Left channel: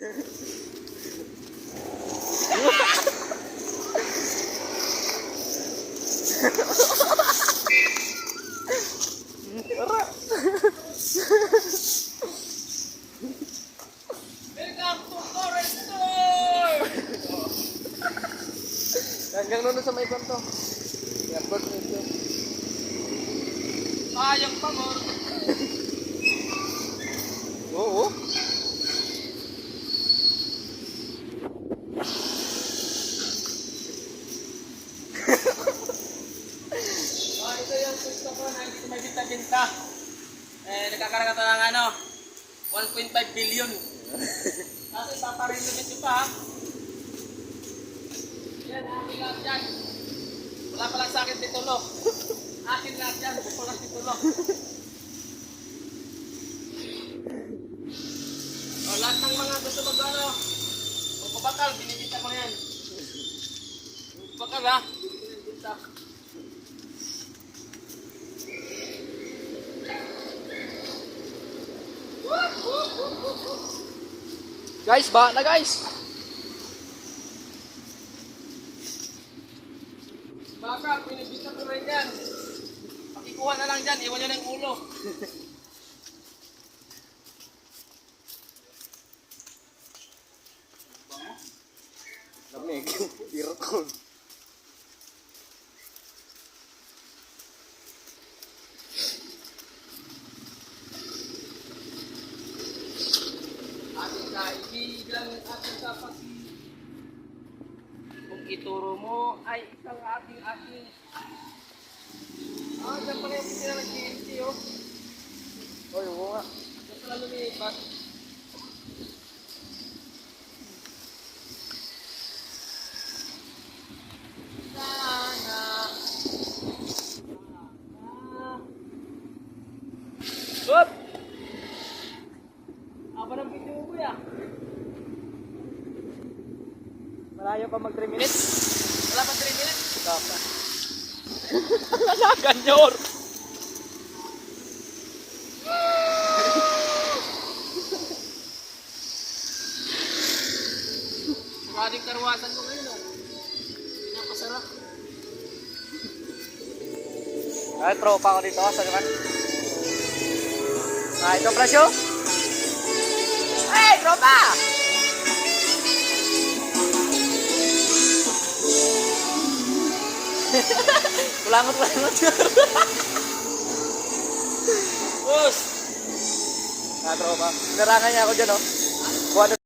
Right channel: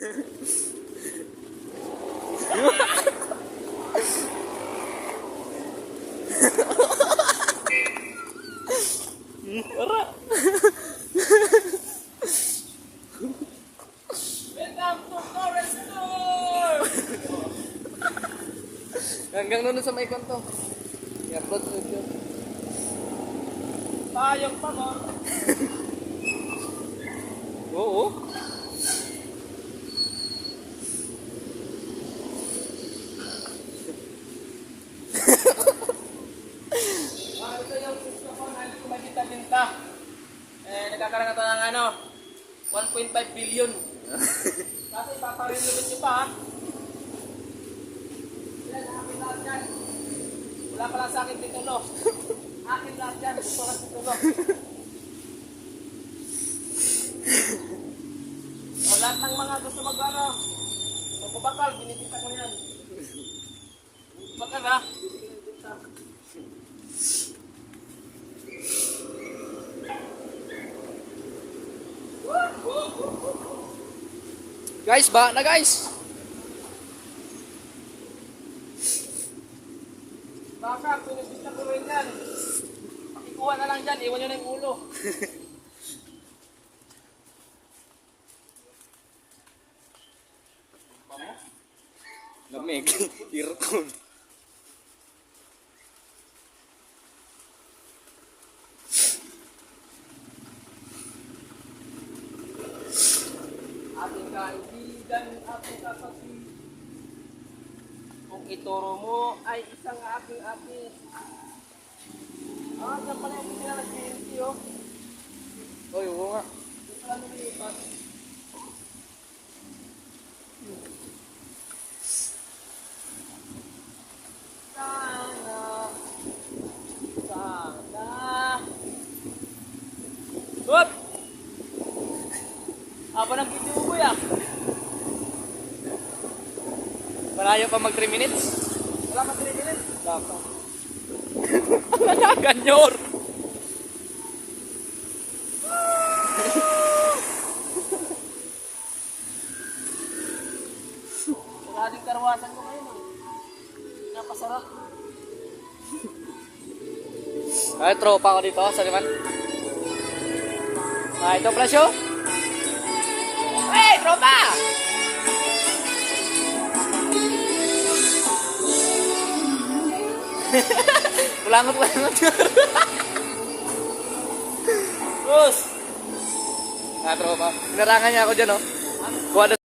Ora. Welcome to Forest Tour! Hanggang doon sa may kwanto. I-upload mo ito. Sayang pa, Mor. Oo. Ito yung gusto ko na hindi ko may binta-binta. Nagkakaroon ito ng 1.5 billion. Kasi paparenovate nyo pa, ha? Yan, akin lahat yan. Wala pa lang sa akin titulo. Akin lahat yan, gusto lang titulo. O, lahat ng mga gusto magpabakal, binibita ko yan. Bakal, ha? Binibita. Guys, ba na guys. Baka, pinibita ko rin yan. Pakikuha na lang dyan, iwan nyo ng ulo. Lamig. Irkon. Ating kaibigan, ating kapatid. Kung ituro mo ay isang aking-aking. Diyan pala yung sila nag-TNT, oh. Oy, oo nga. Diyan pala lumipat. Sana. Good! Aba ng video ko, ya. Malayo pa mag 3 minutes. Wala pa 3 minutes. Dapat. Ganyor. Maraming karwasan ko ngayon, oh. Napasarap. Ay, tropa ko dito sa liman. Ito pala show. Hey, tropa! Pulangot. Bros! Tropa. Garangan niya ako dyan, oh. Kuha na